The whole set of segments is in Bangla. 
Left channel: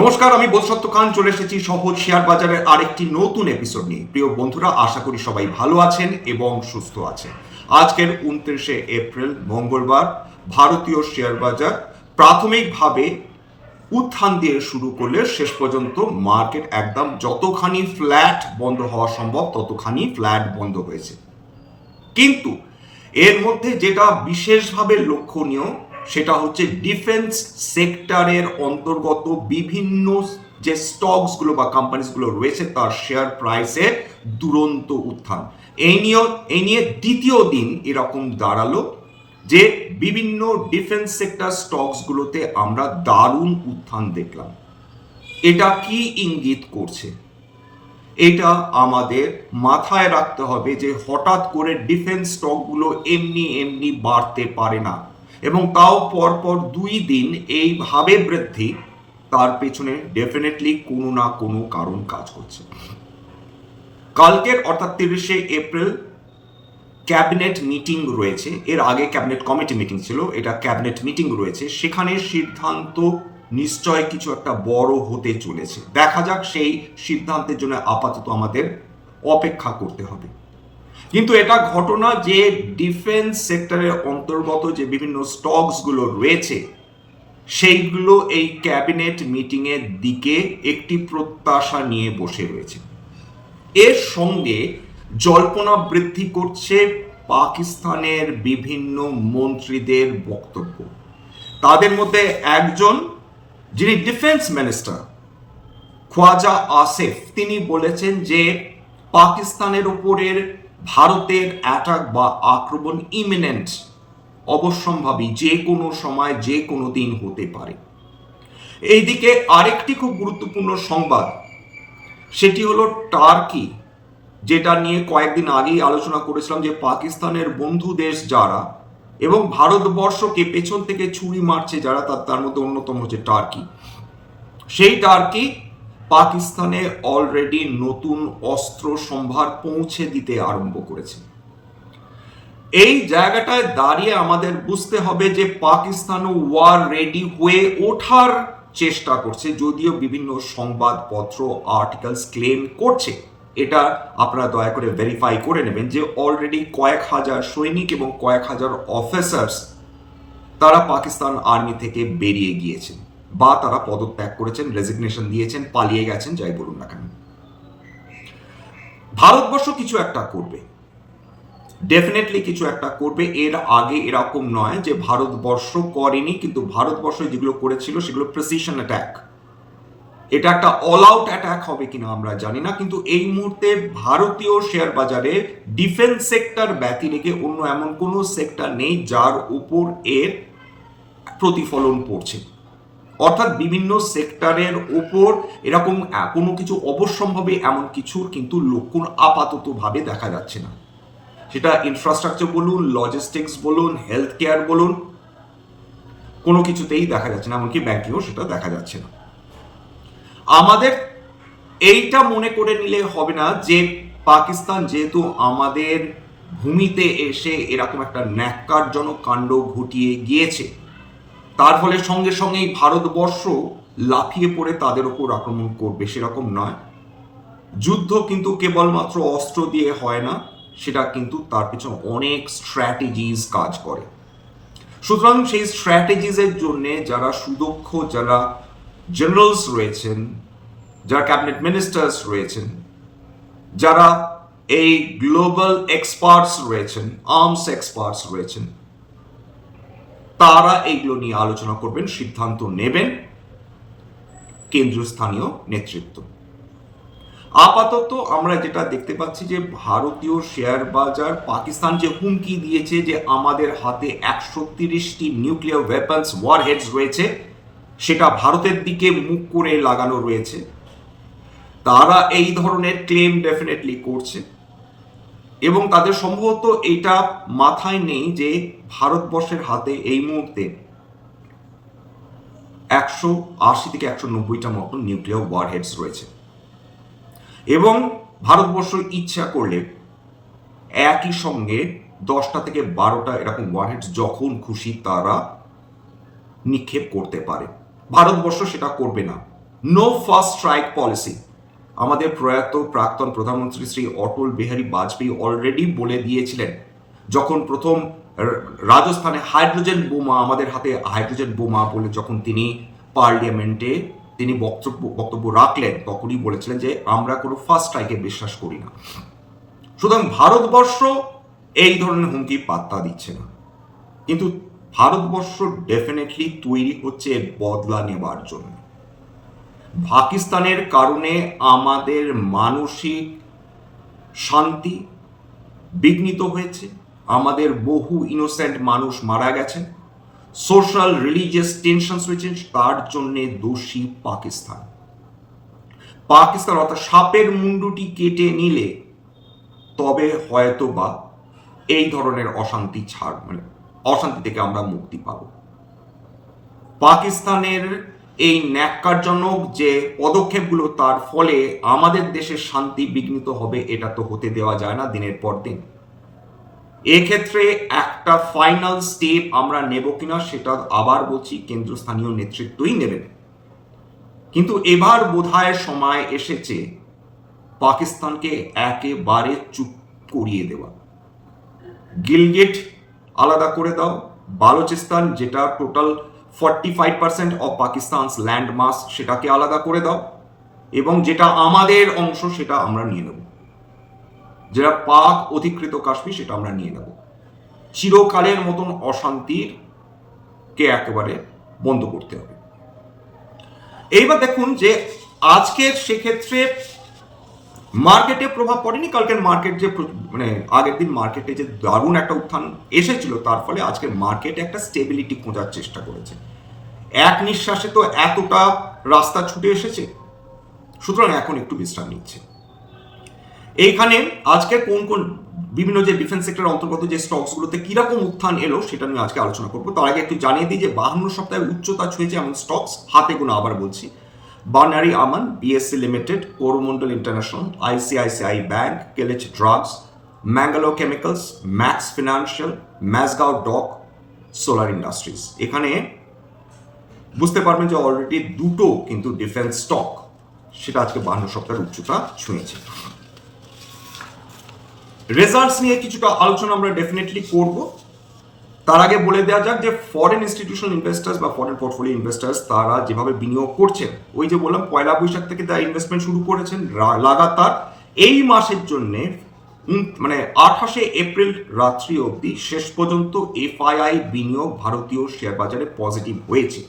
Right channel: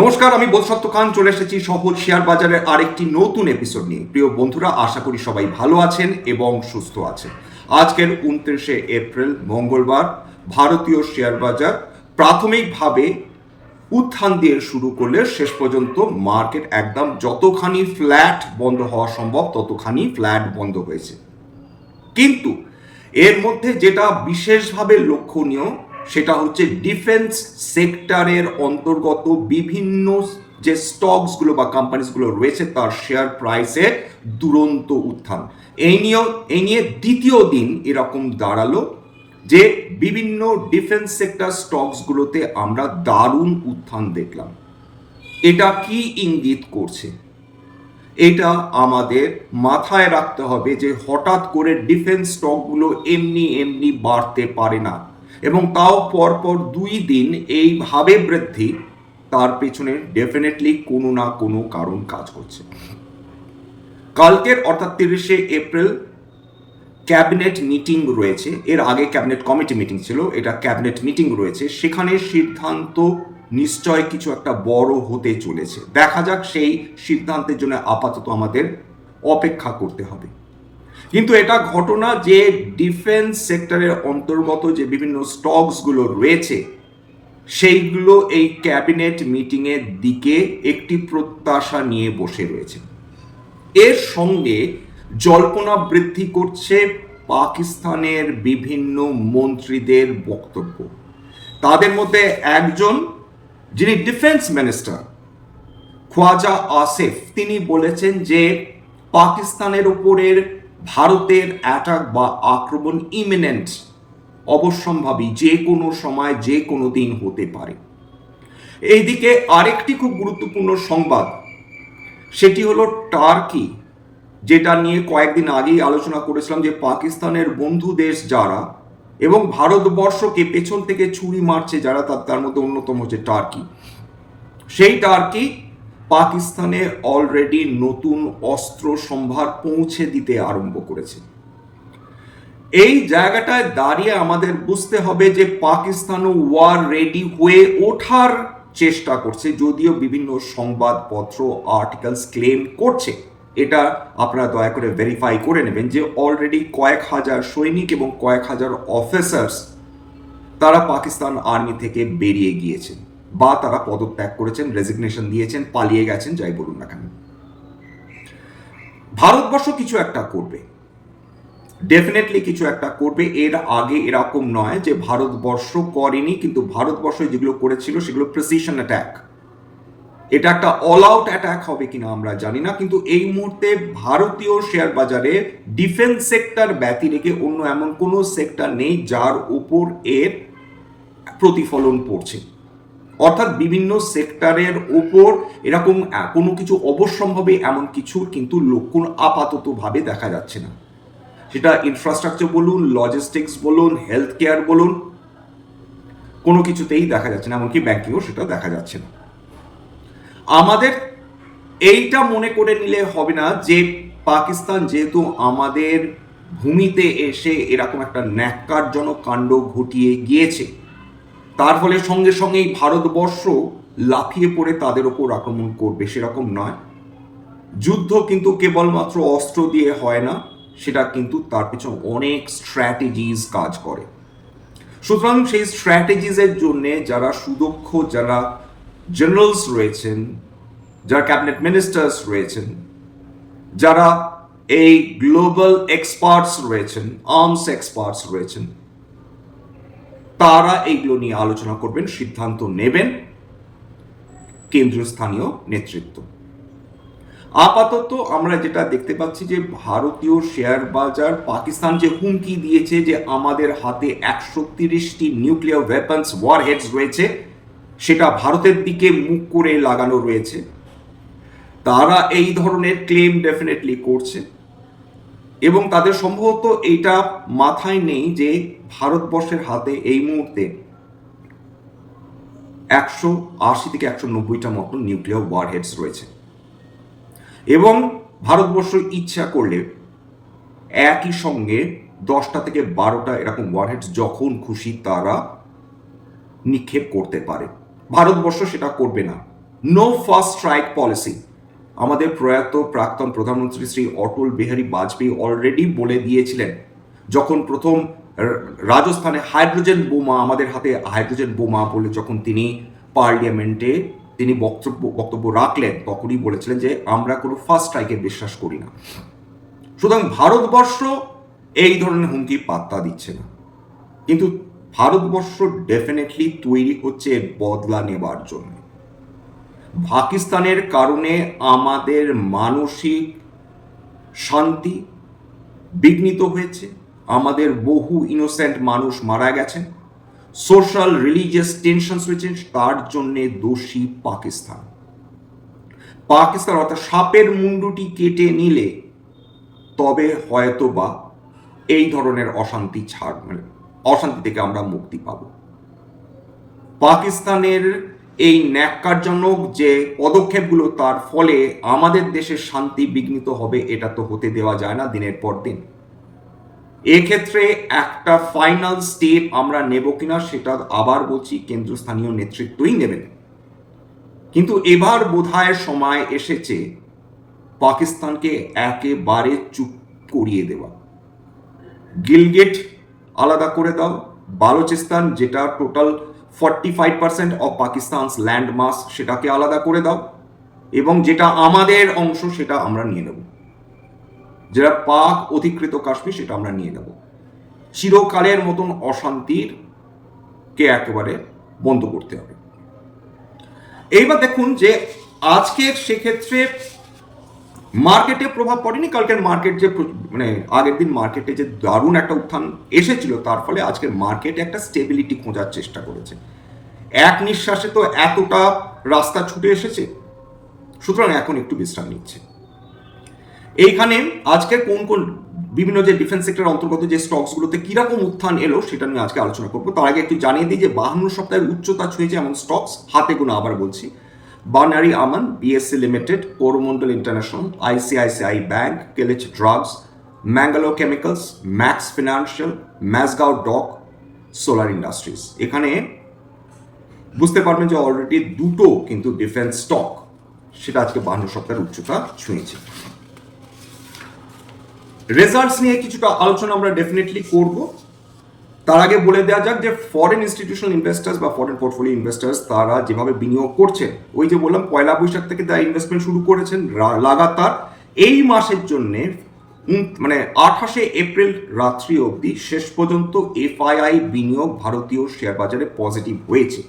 নমস্কার, আমি বোধসত্ত্ব খান, চলে এসেছি সহজ শেয়ার বাজারের আরেকটি নতুন এপিসোড নিয়ে। প্রিয় বন্ধুরা, আশা করি সবাই ভালো আছেন এবং সুস্থ আছেন। আজকের উনত্রিশে এপ্রিল, মঙ্গলবার, ভারতীয় শেয়ার বাজার প্রাথমিকভাবে উত্থান দিয়ে শুরু করলে শেষ পর্যন্ত মার্কেট একদম যতখানি ফ্ল্যাট বন্ধ হওয়া সম্ভব, ততখানি ফ্ল্যাট বন্ধ হয়েছে। কিন্তু এর মধ্যে যেটা বিশেষভাবে লক্ষণীয় সেটা হচ্ছে ডিফেন্স সেক্টরের অন্তর্গত বিভিন্ন যে স্টকসগুলো বা কোম্পানিসগুলো রয়েছে তার শেয়ার প্রাইসে দুরন্ত উত্থান। এই নিয়ে এই নিয়ে দ্বিতীয় দিন এরকম দাঁড়াল যে বিভিন্ন ডিফেন্স সেক্টর স্টকসগুলোতে আমরা দারুণ উত্থান দেখলাম। এটা কি ইঙ্গিত করছে? এটা আমাদের মাথায় রাখতে হবে যে হঠাৎ করে ডিফেন্স স্টকগুলো এমনি এমনি বাড়তে পারে না। এবং তাও পরপর দুই দিন এইভাবে বৃদ্ধি তার পেছনে ডেফিনেটলি কোনো না কোনো কারণ কাজ করছে। কালকের অর্থাৎ তিরিশে এপ্রিল ক্যাবিনেট মিটিং রয়েছে। এর আগে ক্যাবিনেট কমিটি মিটিং ছিল, এটা ক্যাবিনেট মিটিং রয়েছে। সেখানে সিদ্ধান্ত নিশ্চয় কিছু একটা বড় হতে চলেছে। দেখা যাক সেই সিদ্ধান্তের জন্য আপাতত আমাদের অপেক্ষা করতে হবে। কিন্তু এটা ঘটনা যে ডিফেন্স সেক্টরের অন্তর্গত যে বিভিন্ন স্টকসগুলো রয়েছে, সেইগুলো এই ক্যাবিনেট মিটিংয়ের দিকে একটি প্রত্যাশা নিয়ে বসে রয়েছে। এর সঙ্গে জল্পনা বৃদ্ধি করছে পাকিস্তানের বিভিন্ন মন্ত্রীদের বক্তব্য। তাদের মধ্যে একজন, যিনি ডিফেন্স মিনিস্টার, খোয়াজা আসিফ, তিনি বলেছেন যে পাকিস্তানের উপরের ভারতের অ্যাটাক বা আক্রমণ ইমিনেন্ট অবশ্যম্ভাবী যে কোনো সময়, যে কোনো দিন হতে পারে। এইদিকে আরেকটি খুব গুরুত্বপূর্ণ সংবাদ, সেটি হলো টার্কি, যেটা নিয়ে কয়েকদিন আগেই আলোচনা করেছিলাম যে পাকিস্তানের বন্ধু দেশ যারা এবং ভারতবর্ষকে পেছন থেকে ছুরি মারছে যারা, তার তার মধ্যে অন্যতম হচ্ছে টার্কি। সেই টার্কি পাকিস্তানে অলরেডি নতুন অস্ত্র সম্ভার পৌঁছে দিতে আরম্ভ করেছে। এই জায়গাটায় দাঁড়িয়ে আমাদের বুঝতে হবে যে পাকিস্তান ওয়ার রেডি হয়ে ওঠার চেষ্টা করছে, যদিও বিভিন্ন সংবাদপত্র আর্টিকেলস ক্লেম করছে। এটা আপনারা দয়া করে ভেরিফাই করে নেবেন যে অলরেডি কয়েক হাজার সৈনিক এবং কয়েক হাজার অফিসার্স তারা পাকিস্তান আর্মি থেকে বেরিয়ে গিয়েছেন। বা তারা পদত্যাগ করেছেন রেজিগনেশন দিয়েছেন, পালিয়ে গেছেন, যাই বলুন না কেন। ভারতবর্ষ কিছু একটা করবে। ডেফিনেটলি কিছু একটা করবে। এর আগে এরকম নয় যে ভারতবর্ষ করেনি, কিন্তু ভারতবর্ষ যেগুলো করেছিল সেগুলো প্রেসিশন অ্যাটাক এটা একটা অল আউট অ্যাটাক হবে কিনা আমরা জানি না, কিন্তু এই মুহূর্তে ভারতীয় শেয়ার বাজারে ডিফেন্স সেক্টর ব্যতি রেখে অন্য এমন কোনো সেক্টর নেই যার উপর এর প্রতিফলন পড়ছে। অর্থাৎ বিভিন্ন সেক্টরের ওপর এরকম কোনো কিছু অবশ্যম্ভাবী এমন কিছুর কিন্তু লক্ষণ আপাততভাবে দেখা যাচ্ছে না। সেটা ইনফ্রাস্ট্রাকচার বলুন লজিস্টিক্স বলুন হেলথ কেয়ার বলুন, কোনো কিছুতেই দেখা যাচ্ছে না, এমনকি ব্যাংকিংও সেটা দেখা যাচ্ছে না। আমাদের এইটা মনে করে নিলে হবে না যে পাকিস্তান যেহেতু আমাদের ভূমিতে এসে এরকম একটা ন্যাক্কারজনক কাণ্ড ঘটিয়ে গিয়েছে তার ফলে সঙ্গে সঙ্গেই ভারতবর্ষ লাফিয়ে পড়ে তাদের ওপর আক্রমণ করবে, সেরকম নয়। যুদ্ধ কিন্তু কেবলমাত্র অস্ত্র দিয়ে হয় না, সেটা কিন্তু তার পিছনে অনেক স্ট্র্যাটেজিস কাজ করে। সুতরাং সেই স্ট্র্যাটেজিসের জন্য যারা সুদক্ষ, যারা জেনারেলস রয়েছেন, যারা ক্যাবিনেট মিনিস্টার্স রয়েছেন, যারা এই গ্লোবাল এক্সপার্টস রয়েছেন আর্মস এক্সপার্টস রয়েছেন তারা এইগুলো নিয়ে আলোচনা করবেন, সিদ্ধান্ত নেবেন। কেন্দ্রীয় স্থানীয় নেতৃত্ব। আপাতত আমরা যেটা দেখতে পাচ্ছি যে ভারতীয় শেয়ার বাজার, পাকিস্তান যে হুমকি দিয়েছে যে আমাদের হাতে একশো তিরিশটি নিউক্লিয়ার ওয়েপন্স ওয়ার হেডস রয়েছে, সেটা ভারতের দিকে মুখ করে লাগানো রয়েছে। তারা এই ধরনের ক্লেম ডেফিনেটলি করছে। এবং তাদের সম্ভবত এটা মাথায় নেই যে ভারতবর্ষের হাতে এই মুহূর্তে একশো আশি থেকে একশো নব্বইটা মতো নিউক্লিয়ার ওয়ার হেডস রয়েছে। এবং ভারতবর্ষ ইচ্ছা করলে একই সঙ্গে দশটা থেকে বারোটা এরকম ওয়ারহেডস যখন খুশি তারা নিক্ষেপ করতে পারে। ভারতবর্ষ সেটা করবে না। নো ফার্স্ট স্ট্রাইক পলিসি আমাদের প্রয়াত প্রাক্তন প্রধানমন্ত্রী শ্রী অটল বিহারী বাজপেয়ী অলরেডি বলে দিয়েছিলেন, যখন প্রথম রাজস্থানে হাইড্রোজেন বোমা, আমাদের হাতে হাইড্রোজেন বোমা বলে যখন তিনি পার্লিয়ামেন্টে তিনি বক্তব্য বক্তব্য রাখলেন, তখনই বলেছিলেন যে আমরা কোনো ফার্স্ট স্ট্রাইকে বিশ্বাস করি না। সুতরাং ভারতবর্ষ এই ধরনের হুমকি পাত্তা দিচ্ছে না। কিন্তু ভারতবর্ষ ডেফিনেটলি তৈরি হচ্ছে বদলা নেবার জন্য। পাকিস্তানের কারণে আমাদের মানসিক শান্তি বিঘ্নিত হয়েছে। আমাদের বহু ইনোসেন্ট মানুষ মারা গেছেন। সোশ্যাল রিলিজিয়াস টেনশনস হয়েছে তার জন্যে দোষী পাকিস্তান। পাকিস্তান অর্থাৎ সাপের মুন্ডুটি কেটে নিলে তবে হয়তো বা এই ধরনের অশান্তি ছাড় মানে অশান্তি থেকে আমরা মুক্তি পাব। পাকিস্তানের এই ন্যাক্কারজনক যে পদক্ষেপগুলো তার ফলে আমাদের দেশের শান্তি বিঘ্নিত হবে, এটা তো হতে দেওয়া যায় না দিনের পর দিন। এক্ষেত্রে একটা ফাইনাল স্টেপ আমরা নেব কিনা সেটা আবার বলছি, কেন্দ্রস্থানীয় নেতৃত্বই নেবেন। কিন্তু এবার বোধহয় সময় এসেছে পাকিস্তানকে একেবারে চুপ করিয়ে দেওয়া। গিলগেট আলাদা করে দাও, বালুচিস্তান যেটা total forty five percent of Pakistan's land সেটাকে আলাদা করে দাও, এবং যেটা আমাদের অংশ সেটা আমরা নিয়ে নেব। যেটা পাক অধিকৃত কাশ্মীর সেটা আমরা নিয়ে নেব। চিরকালের মতন অশান্তির কে একেবারে বন্ধ করতে হবে। এইবার দেখুন যে আজকের সেক্ষেত্রে মার্কেটে প্রভাব পড়েনি, কালকের মার্কেট যে মানে আগের দিন মার্কেটে যে দারুণ একটা উত্থান এসেছিল, তার ফলে আজকের মার্কেটে একটা স্টেবিলিটি খোঁজার চেষ্টা করেছে। এক নিঃশ্বাসে তো এতটা রাস্তা ছুটে এসেছে, সুতরাং এখন একটু বিশ্রাম নিচ্ছে। এইখানে আজকে কোন কোন বিভিন্ন যে ডিফেন্স সেক্টর অন্তর্গত যে স্টকসগুলোতে কীরকম উত্থান এলো, সেটা নিয়ে আজকে আলোচনা করব। তার আগে একটু জানিয়ে দিই যে বাহান্ন সপ্তাহের উচ্চতা ছুঁয়েছে এমন স্টকস হাতে গোনা আবার বলছি। বার্নারি আমান BSC Limited Coromandel International ICICI Bank কেলেচ Drugs Mangalore Chemicals Max Financial Mazagon Dock Solar Industries এখানে বুঝতে পারবেন যে অলরেডি দুটো কিন্তু ডিফেন্স স্টক সেটা আজকে বাহান্ন সপ্তাহের উচ্চতা ছুঁয়েছে। রেজাল্টস নিয়ে কিছুটা আলোচনা আমরা ডেফিনেটলি করব। তার আগে বলে দেওয়া যাক যে ফরেন ইনস্টিটিউশনাল ইনভেস্টার্স বা ফরেন পোর্টফোলিও ইনভেস্টার্স তারা যেভাবে বিনিয়োগ করছেন, ওই যে বললাম পয়লা বৈশাখ থেকে তারা ইনভেস্টমেন্ট শুরু করেছেন লাগাতার। এই মাসের জন্য মানে আঠাশে এপ্রিল রাত্রি অবধি শেষ পর্যন্ত এফআইআই বিনিয়োগ ভারতীয় শেয়ার বাজারে পজিটিভ হয়েছে।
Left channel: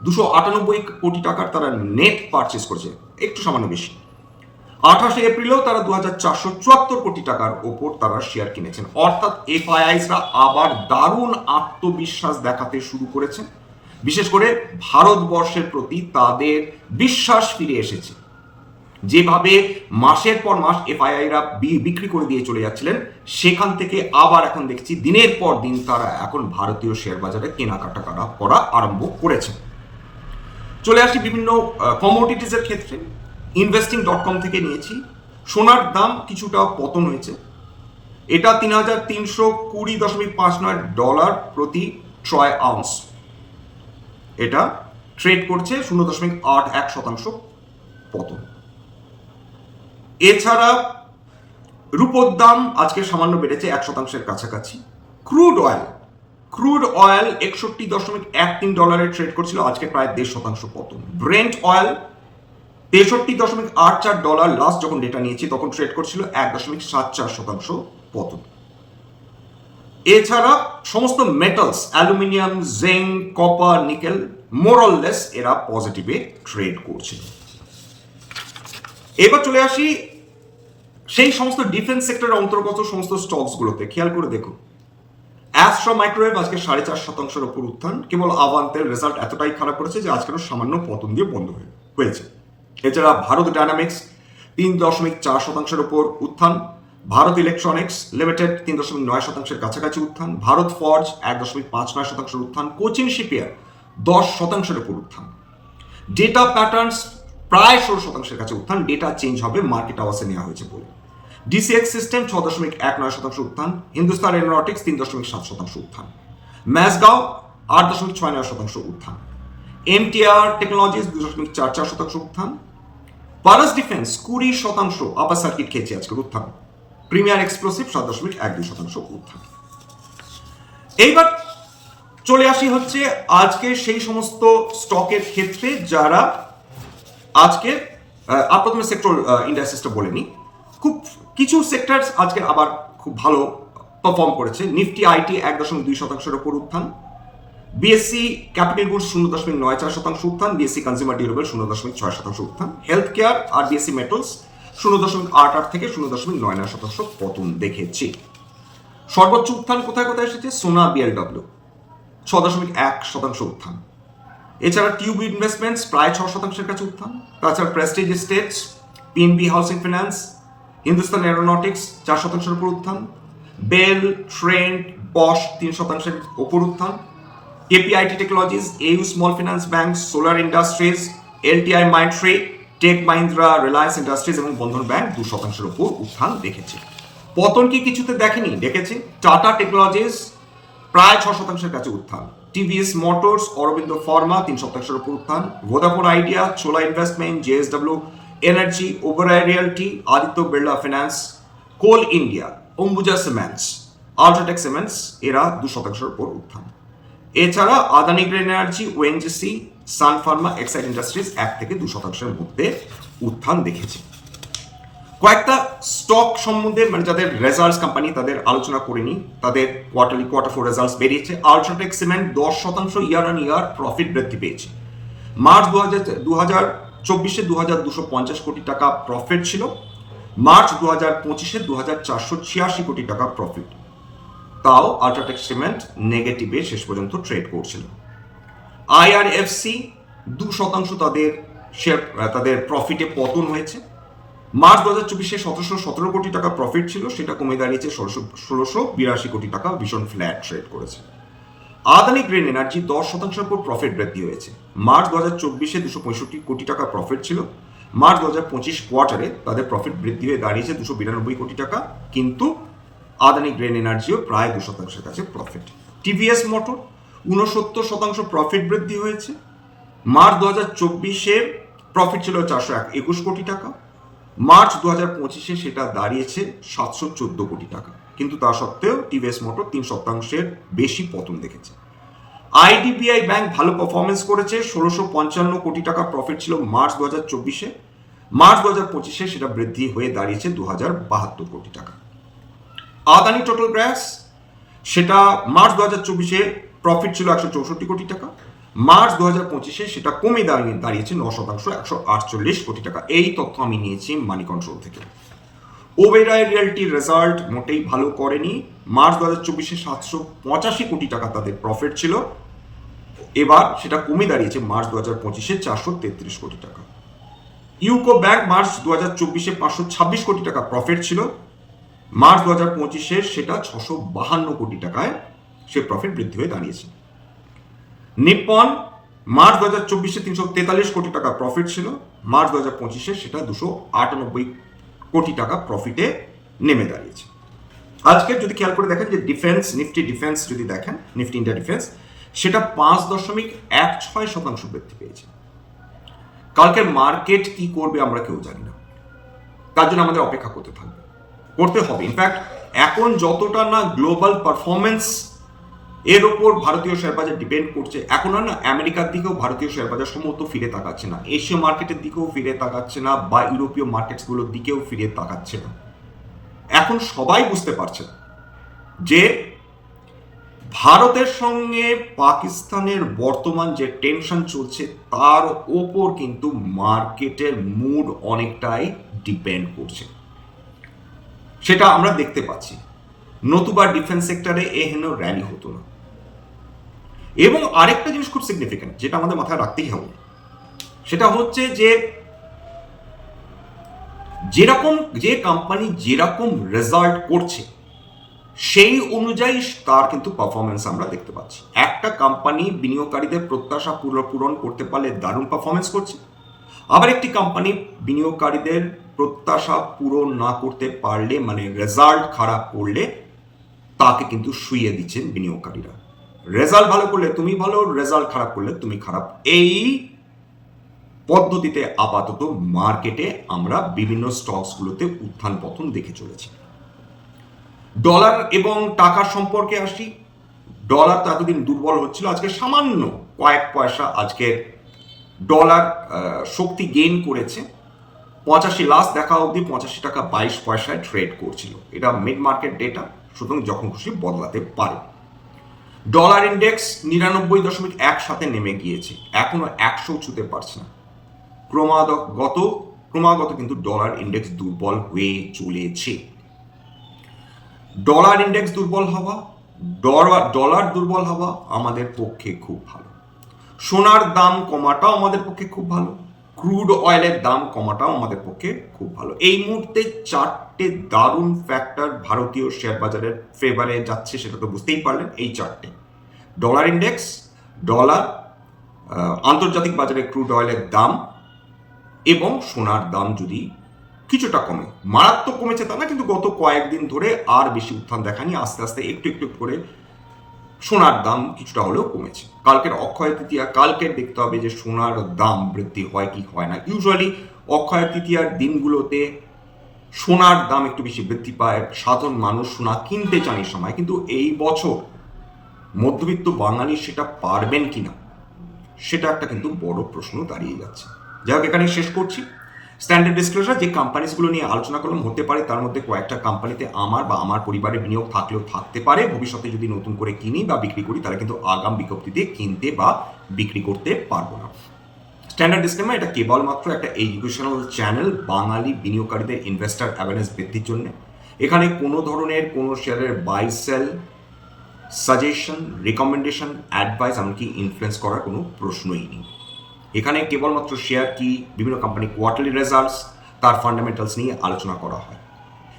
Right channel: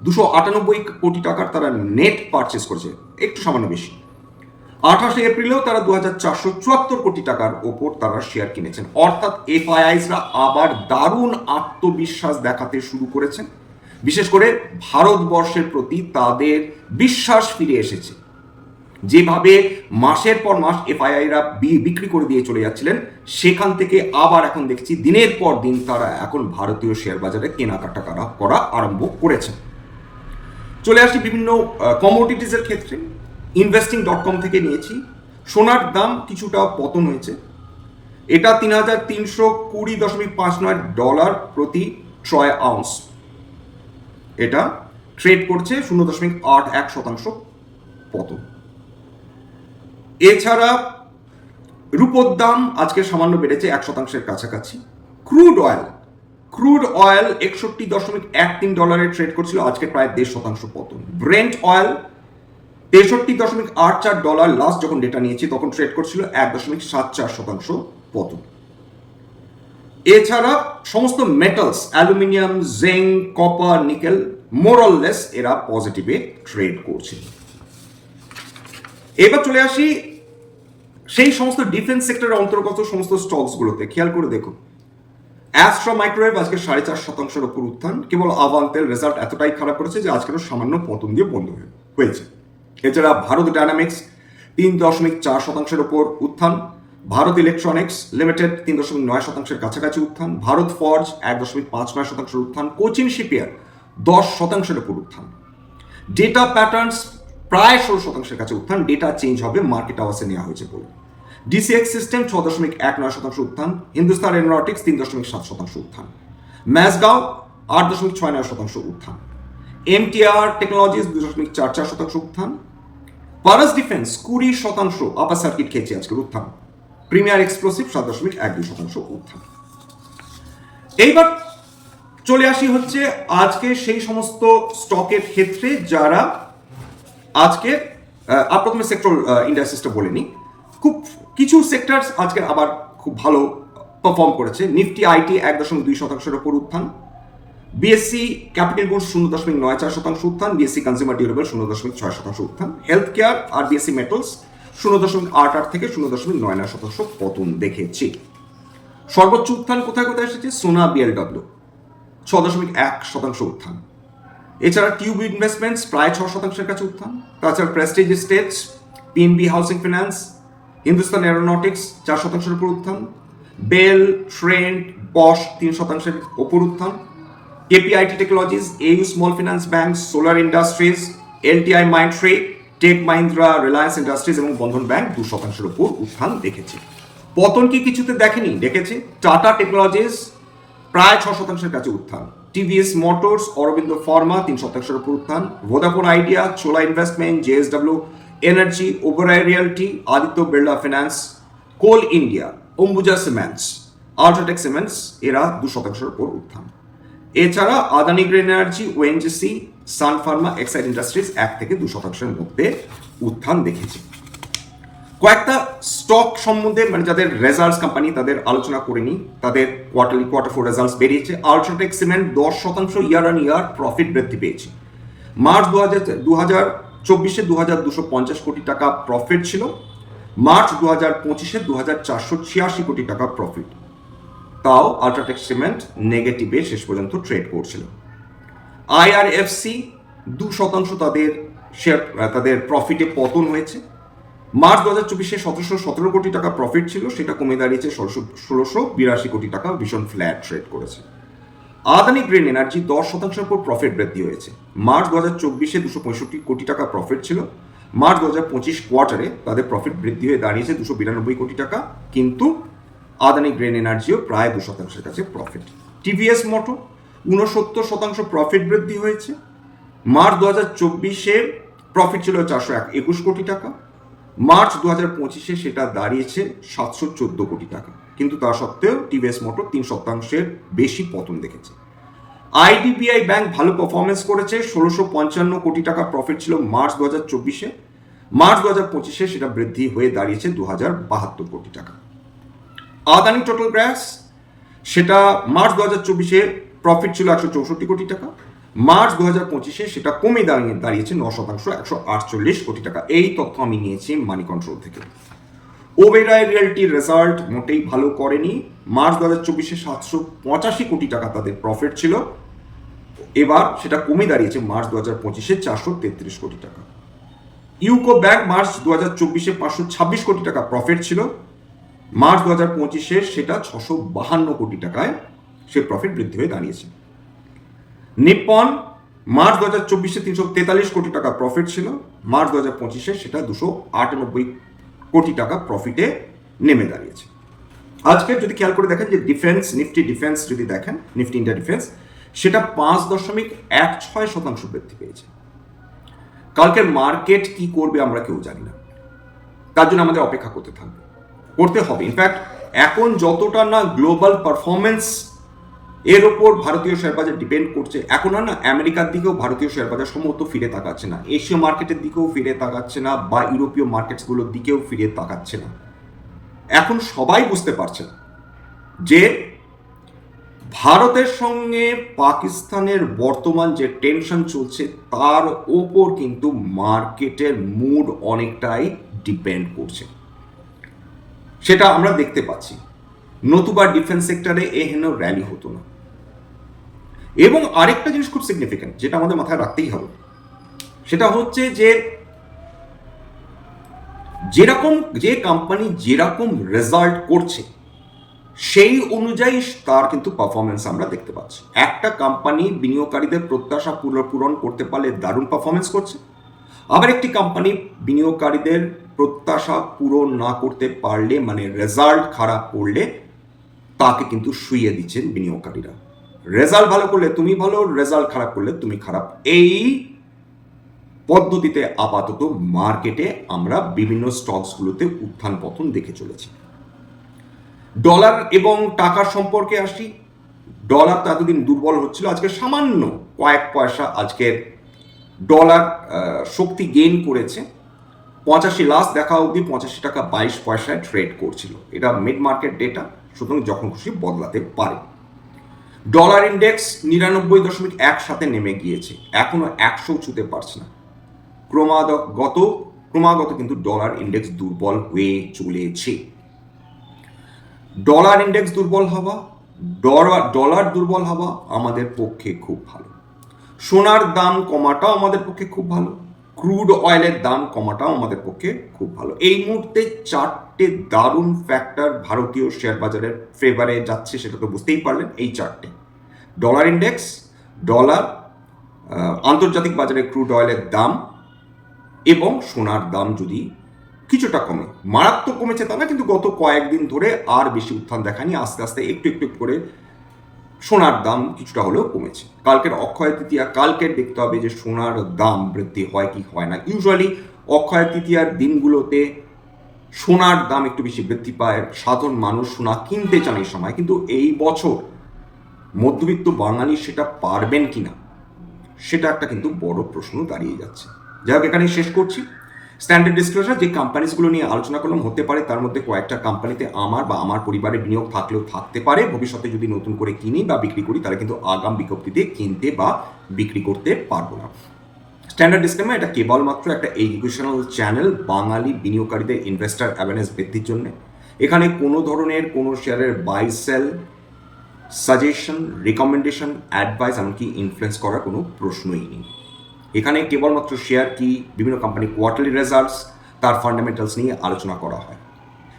দুশো আটানব্বই কোটি টাকার তারা নেট পারচেস করেছে, একটু সামান্য বেশি। আঠাশে এপ্রিলেও তারা দু হাজার চারশো চুয়াত্তর কোটি টাকার ওপর তারা শেয়ার কিনেছেন। অর্থাৎ এফআইআইসরা আবার দারুণ আত্মবিশ্বাস দেখাতে শুরু করেছেন। বিশেষ করে ভারতবর্ষের প্রতি তাদের বিশ্বাস ফিরে এসেছে। যেভাবে মাসের পর মাস এফআইআইরা বিক্রি করে দিয়ে চলে যাচ্ছিলেন, সেখান থেকে আবার এখন দেখছি দিনের পর দিন তারা এখন ভারতীয় শেয়ার বাজারে কেনাকাটা করা করা আরম্ভ করেছেন। চলে আসি বিভিন্ন কমোডিটিসের ক্ষেত্রে। ইনভেস্টিং ডট কম থেকে নিয়েছি। সোনার দাম কিছুটা পতন হয়েছে। এটা তিন হাজার তিনশো কুড়ি দশমিক পাঁচ নয় ডলার প্রতি ট্রয় আউন্স এটা ট্রেড করছে শূন্য দশমিক আট এক শতাংশ পতন। এছাড়া রূপোর দাম আজকে সামান্য বেড়েছে এক শতাংশের কাছাকাছি। Crude oil. ক্রুড অয়েল একষট্টি দশমিক এক তিন ডলারে ট্রেড করছিল, আজকে প্রায় দেড় শতাংশ পতন। ব্রেন্ট অয়েল তেষট্টি দশমিক আট চার ডলার লাস্ট যখন ডেটা নিয়েছি, তখন ট্রেড করছিল এক দশমিক সাত চার শতাংশ পতন। এছাড়া সমস্ত metals aluminium zinc copper nickel মোরললেস এরা পজিটিভে ট্রেড করছিল। এবার চলে আসি সেই সমস্ত ডিফেন্স সেক্টরের অন্তর্গত সমস্ত স্টকসগুলোতে খেয়াল করে দেখুন অ্যাস্ট্রো মাইক্রোওয়েভ আজকে সাড়ে চার শতাংশের উপর উত্থান। কেবল আভান্তেল রেজাল্ট এতটাই খারাপ করেছে যে আজকেরও সামান্য পতন দিয়ে বন্ধ হয়ে- হয়েছে। এছাড়া ভারত ডায়নামিক্স তিন দশমিক চার শতাংশের ওপর উত্থান, ভারত ইলেকট্রনিক্স লিমিটেড তিন দশমিক নয় শতাংশের কাছাকাছি উত্থান, ভারত ফর্জ এক দশমিক পাঁচ নয় শতাংশের উত্থান, কোচিন শিপিয়ার দশ শতাংশের ওপর উত্থান। ডেটা প্যাটার্নস প্রায় ষোলো শতাংশের কাছে উত্থান ডেটা চেঞ্জ হবে মার্কেট আওয়াসে নেওয়া হয়েছে বলে। ডিসিএক্স সিস্টেম ছ দশমিক এক নয় শতাংশ উত্থান হিন্দুস্তান এরোনটিক্স তিন দশমিক সাত শতাংশ উত্থান। ম্যাসগাঁও আট দশমিক ছয় নয় শতাংশ উত্থান। এমটিআর টেকনোলজিস দুই দশমিক চার চার শতাংশ উত্থান। পারাস ডিফেন্স কুড়ি শতাংশ আপার সার্কিট খেয়েছে আজকের উত্থান। প্রিমিয়ার এক্সপ্লোসিভ সাত দশমিক এক দুই শতাংশ উত্থান। এইবার চলে আসি হচ্ছে আজকে সেই সমস্ত স্টকের ক্ষেত্রে যারা আজকে আহ, প্রথমে সেক্টর ইন্ডাস্ট্রিজটা বলে নিই খুব কিছু সেক্টর আজকে আবার খুব ভালো পারফর্ম করেছে। নিফটি আইটি এক দশমিক দুই শতাংশের ওপর উত্থান। বিএসসি ক্যাপিটাল গুডস শূন্য দশমিক নয় চার শতাংশ উত্থান বিএসসি কনজিউমার ডিউরেবল শূন্য দশমিক ছয় শতাংশ উত্থান হেলথ কেয়ার আর বিএসসি মেটালস শূন্য দশমিক আট আট থেকে শূন্য দশমিক নয় নয় শতাংশ পতন দেখেছি। সর্বোচ্চ উত্থান কোথায় কোথায় এসেছে? সোনা বিএলডব্লিউ ছ দশমিক এক শতাংশ উত্থান। এছাড়া টিউব ইনভেস্টমেন্টস প্রায় ছ শতাংশের কাছে উত্থান। তাছাড়া Prestige Estates PNB Housing Finance Hindustan Aeronautics চার শতাংশের উপর উত্থান। বেল ট্রেন্ড বস তিন শতাংশের উপর উত্থান। KPIT Technologies AU Small Finance Bank Solar Industries LTI Mindtree Tech Mahindra Reliance Industries এবং বন্ধন ব্যাংক দু শতাংশের উপর উত্থান দেখেছে। পতন কি কিছুতে দেখেনি? দেখেছে। টাটা টেকনোলজিস প্রায় ছ শতাংশের কাছে উত্থান। টিভিএস মোটরস অরবিন্দ ফার্মা তিন শতাংশের উপর উত্থান। Vodafone Idea Chola Investment JSW Energy Oberoi Realty Aditya Birla Finance Coal India Ambuja Cements UltraTech Cements এরা দু শতাংশের উপর উত্থান। এছাড়া Adani Green Energy ONGC Sun Pharma, Exide Industries এক থেকে দু শতাংশের মধ্যে উত্থান দেখেছে। কয়েকটা স্টক সম্বন্ধে মানে যাদের রেজাল্টস কোম্পানি তাদের আলোচনা করে নিই। তাদের কোয়ার্টারলি কোয়ার্টার ফোর রেজাল্টস বেরিয়েছে। আলট্রাটেক সিমেন্ট দশ শতাংশ ইয়ার অন ইয়ার প্রফিট বৃদ্ধি পেয়েছে। মার্চ দু হাজার দু হাজার চব্বিশে দু হাজার দুশো পঞ্চাশ কোটি টাকা প্রফিট ছিল। মার্চ দু হাজার পঁচিশে দু হাজার চারশো ছিয়াশি কোটি টাকা প্রফিট তাও আলট্রাটেক সিমেন্ট নেগেটিভে শেষ পর্যন্ত ট্রেড করছিল। আইআরএফসি দু শতাংশ তাদের শেয়ার তাদের প্রফিটে পতন হয়েছে। মার্চ দু হাজার চব্বিশে সতেরোশো সতেরো কোটি টাকা প্রফিট ছিল, সেটা কমে দাঁড়িয়েছে ষোলোশো ষোলোশো বিরাশি কোটি টাকা ভীষণ ফ্ল্যাট ট্রেড করেছে। আদানি গ্রিন এনার্জি দশ শতাংশের উপর প্রফিট বৃদ্ধি হয়েছে। মার্চ দু হাজার চব্বিশে দুশো পঁয়ষট্টি কোটি টাকা প্রফিট ছিল। মার্চ দু হাজার পঁচিশ কোয়ার্টারে তাদের প্রফিট বৃদ্ধি হয়ে দাঁড়িয়েছে দুশো বিরানব্বই কোটি টাকা। কিন্তু আদানি গ্রেন এনার্জিও প্রায় দু শতাংশের কাছে প্রফিট টিভিএস মোটর ঊনসত্তর শতাংশ প্রফিট বৃদ্ধি হয়েছে। মার্চ দু হাজার চব্বিশে প্রফিট ছিল চারশো এক একুশ কোটি টাকা। মার্চ দু হাজার পঁচিশে সেটা দাঁড়িয়েছে সাতশো চোদ্দ কোটি টাকা। কিন্তু তা সত্ত্বেও টিভিএস মোটর তিন শতাংশের বেশি পতন দেখেছে। আইডিবিআই ব্যাংক ভালো পারফরমেন্স করেছে, ষোলোশো পঞ্চান্ন কোটি টাকা প্রফিট ছিল মার্চ দু হাজার চব্বিশে। মার্চ দু হাজার পঁচিশে সেটা বৃদ্ধি হয়ে দাঁড়িয়েছে দু হাজার বাহাত্তর কোটি টাকা। আদানি টোটাল গ্যাস সেটা মার্চ দু হাজার চব্বিশে প্রফিট ছিল একশো চৌষট্টি কোটি টাকা। মার্চ দু হাজার পঁচিশে সেটা কমে দাঁড়িয়ে, দাঁড়িয়েছে ন শতাংশ, একশো আটচল্লিশ কোটি টাকা। এই তথ্য আমি নিয়েছি মানি কন্ট্রোল থেকে। ওবেরায় রিয়েলটির রেজাল্ট মোটেই ভালো করেনি। মার্চ দু হাজার চব্বিশে সাতশো পঁচাশি কোটি টাকা তাদের প্রফিট ছিল। এবার সেটা কমে দাঁড়িয়েছে মার্চ দু হাজার পঁচিশে চারশো তেত্রিশ কোটি টাকা। ইউকো ব্যাংক মার্চ দু হাজার চব্বিশে পাঁচশো ছাব্বিশ কোটি টাকা প্রফিট ছিল। মার্চ দু হাজার পঁচিশে সেটা ছশো বাহান্ন কোটি টাকায় সে প্রফিট বৃদ্ধি হয়ে দাঁড়িয়েছে। নিপ্পন মার্চ দু হাজার চব্বিশে তিনশো তেতাল্লিশ কোটি টাকা প্রফিট ছিল। মার্চ দু হাজার পঁচিশে সেটা দুশো আটানব্বই কোটি টাকা প্রফিটে নেমে দাঁড়িয়েছে। আজকে যদি খেয়াল করে দেখেন যে ডিফেন্স নিফটি ডিফেন্স যদি দেখেন নিফটি ইন্ডিয়া ডিফেন্স সেটা পাঁচ দশমিক এক ছয় শতাংশ বৃদ্ধি পেয়েছে। কালকের মার্কেট কি করবে আমরা কেউ জানি না। তার জন্য আমাদের অপেক্ষা করতে থাকবে। করতে হবে। ইনফ্যাক্ট এখন যতটা না গ্লোবাল পারফরমেন্স এর ওপর ভারতীয় শেয়ার বাজার ডিপেন্ড করছে, এখন আর না আমেরিকার দিকেও ভারতীয় শেয়ার বাজার সম্ভবত ফিরে তাকাচ্ছে না। এশীয় মার্কেটের দিকেও ফিরে তাকাচ্ছে না বা ইউরোপীয় মার্কেটসগুলোর দিকেও ফিরে তাকাচ্ছে না। এখন সবাই বুঝতে পারছেন যে ভারতের সঙ্গে পাকিস্তানের বর্তমান যে টেনশন চলছে, তার ওপর কিন্তু মার্কেটের মুড অনেকটাই ডিপেন্ড করছে। সেটা আমরা দেখতে পাচ্ছি। নতুবা ডিফেন্স সেক্টরে এ হেন র্যালি হতো না। এবং আরেকটা জিনিস খুব সিগনিফিক্যান্ট যেটা আমাদের মাথায় রাখতেই হবে। সেটা হচ্ছে যে, যেরকম যে কোম্পানি যেরকম রেজাল্ট করছে, সেই অনুযায়ী তার কিন্তু পারফরমেন্স আমরা দেখতে পাচ্ছি। একটা কোম্পানি বিনিয়োগকারীদের প্রত্যাশা পূর- পূরণ করতে পারলে দারুণ পারফরমেন্স করছে। আবার একটি কোম্পানি বিনিয়োগকারীদের প্রত্যাশা পূরণ না করতে পারলে মানে রেজাল্ট খারাপ করলে, তাকে কিন্তু শুইয়ে দিচ্ছেন বিনিয়োগকারীরা। রেজাল্ট ভালো করলে তুমি ভালো রেজাল্ট খারাপ করলে তুমি খারাপ। এই পদ্ধতিতে আপাতত মার্কেটে আমরা বিভিন্ন স্টকসগুলোতে উত্থান পতন দেখে চলেছি। ডলার এবং টাকার সম্পর্কে আসি। ডলার তো এতদিন দুর্বল হচ্ছিল, আজকে সামান্য কয়েক পয়সা আজকের ডলার শক্তি গেইন করেছে। পঁচাশি লাস্ট দেখা অবধি পঁচাশি টাকা বাইশ পয়সায় ট্রেড করছিল। এটা মিড মার্কেট ডেটা সুতরাং যখন খুশি বদলাতে পারে। ডলার ইন্ডেক্স নিরানব্বই দশমিক এক সাথে নেমে গিয়েছে, এখনও একশো ছুতে পারছে না। ক্রমাগত ক্রমাগত কিন্তু ডলার ইন্ডেক্স দুর্বল হয়ে চলেছে। ডলার ইন্ডেক্স দুর্বল হওয়া ডলার ডলার দুর্বল হওয়া আমাদের পক্ষে খুব ভালো। সোনার দাম কমাটাও আমাদের পক্ষে খুব ভালো। ক্রুড অয়েলের দাম কমাটাও আমাদের পক্ষে খুব ভালো। এই মুহূর্তে চারটে দারুণ ফ্যাক্টর ভারতীয় শেয়ার বাজারের ফেভারে যাচ্ছে সেটা তো বুঝতেই পারলেন এই চারটে। ডলার ইন্ডেক্স ডলার আন্তর্জাতিক বাজারে ক্রুড অয়েলের দাম এবং সোনার দাম যদি কিছুটা কমে, মারাত্মক কমেছে তা না, কিন্তু গত কয়েকদিন ধরে আর বেশি উত্থান দেখানি আস্তে আস্তে একটু একটু করে সোনার দাম কিছুটা হলেও কমেছে। কালকের অক্ষয় তৃতীয়া কালকের দেখতে হবে যে সোনার দাম বৃদ্ধি হয় কি হয় না। ইউজুয়ালি অক্ষয় তৃতীয়ার দিনগুলোতে সোনার দাম একটু বেশি বৃদ্ধি পায়। সাধারণ মানুষ সোনা কিনতে চান এই সময়, কিন্তু এই বছর মধ্যবিত্ত বাঙালি সেটা পারবেন কিনা, সেটা একটা কিন্তু বড় প্রশ্ন দাঁড়িয়ে যাচ্ছে। যাই হোক এখানে শেষ করছি। স্ট্যান্ডার্ড ডিসক্লোজার যে কোম্পানিজগুলো নিয়ে আলোচনা করলাম, হতে পারে তার মধ্যে কয়েকটা কোম্পানিতে আমার বা আমার পরিবারের বিনিয়োগ থাকলেও থাকতে পারে। ভবিষ্যতে যদি নতুন করে কিনি বা বিক্রি করি, তাহলে কিন্তু আগাম বিজ্ঞপ্তিতে কিনতে বা বিক্রি করতে পারব না। স্ট্যান্ডার্ড ডিসক্লেমার এটা কেবলমাত্র একটা এডুকেশনাল চ্যানেল বাঙালি বিনিয়োগকারীদের ইনভেস্টার অ্যাওয়ারনেস বৃদ্ধির জন্য। এখানে কোনো ধরনের কোনো শেয়ারের buy sell suggestion recommendation advice এমনকি ইনফ্লুয়েন্স করার কোনো প্রশ্নই নেই। এখানে কেবলমাত্র শেয়ার কি বিভিন্ন কোম্পানি কোয়ার্টারলি রেজাল্টস তার ফান্ডামেন্টালস নিয়ে আলোচনা করা হয়।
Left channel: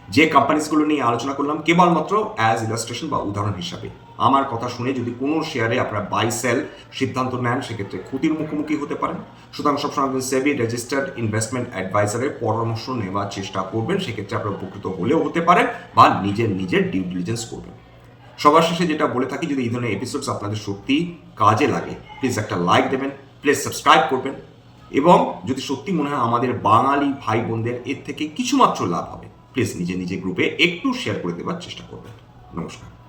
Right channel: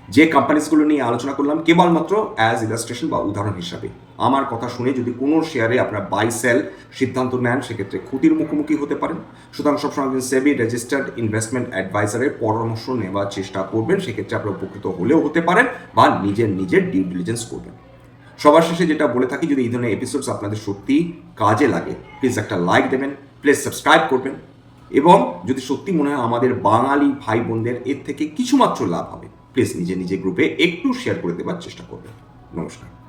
যে কোম্পানিজগুলো নিয়ে আলোচনা করলাম কেবলমাত্র অ্যাজ ইলাস্ট্রেশন বা উদাহরণ হিসাবে। আমার কথা শুনে যদি কোনো শেয়ারে আপনারা বাই সেল সিদ্ধান্ত নেন, সেক্ষেত্রে ক্ষতির মুখোমুখি হতে পারেন। সুতরাং সবসময় একজন সেবি রেজিস্টার্ড ইনভেস্টমেন্ট অ্যাডভাইজারের পরামর্শ নেওয়ার চেষ্টা করবেন, সেক্ষেত্রে আপনারা উপকৃত হলেও হতে পারেন বা নিজের নিজের ডিউ ডিলিজেন্স করবেন। সবার শেষে যেটা বলে থাকি, যদি এই ধরনের এপিসোডস আপনাদের সত্যি কাজে লাগে প্লিজ একটা লাইক দেবেন। প্লিজ সাবস্ক্রাইব করবেন। এবং যদি সত্যি মনে হয় আমাদের বাঙালি ভাই বোনদের এর থেকে কিছুমাত্র লাভ হবে, প্লিজ নিজে নিজে গ্রুপে একটু শেয়ার করে দেওয়ার চেষ্টা করবেন। নমস্কার।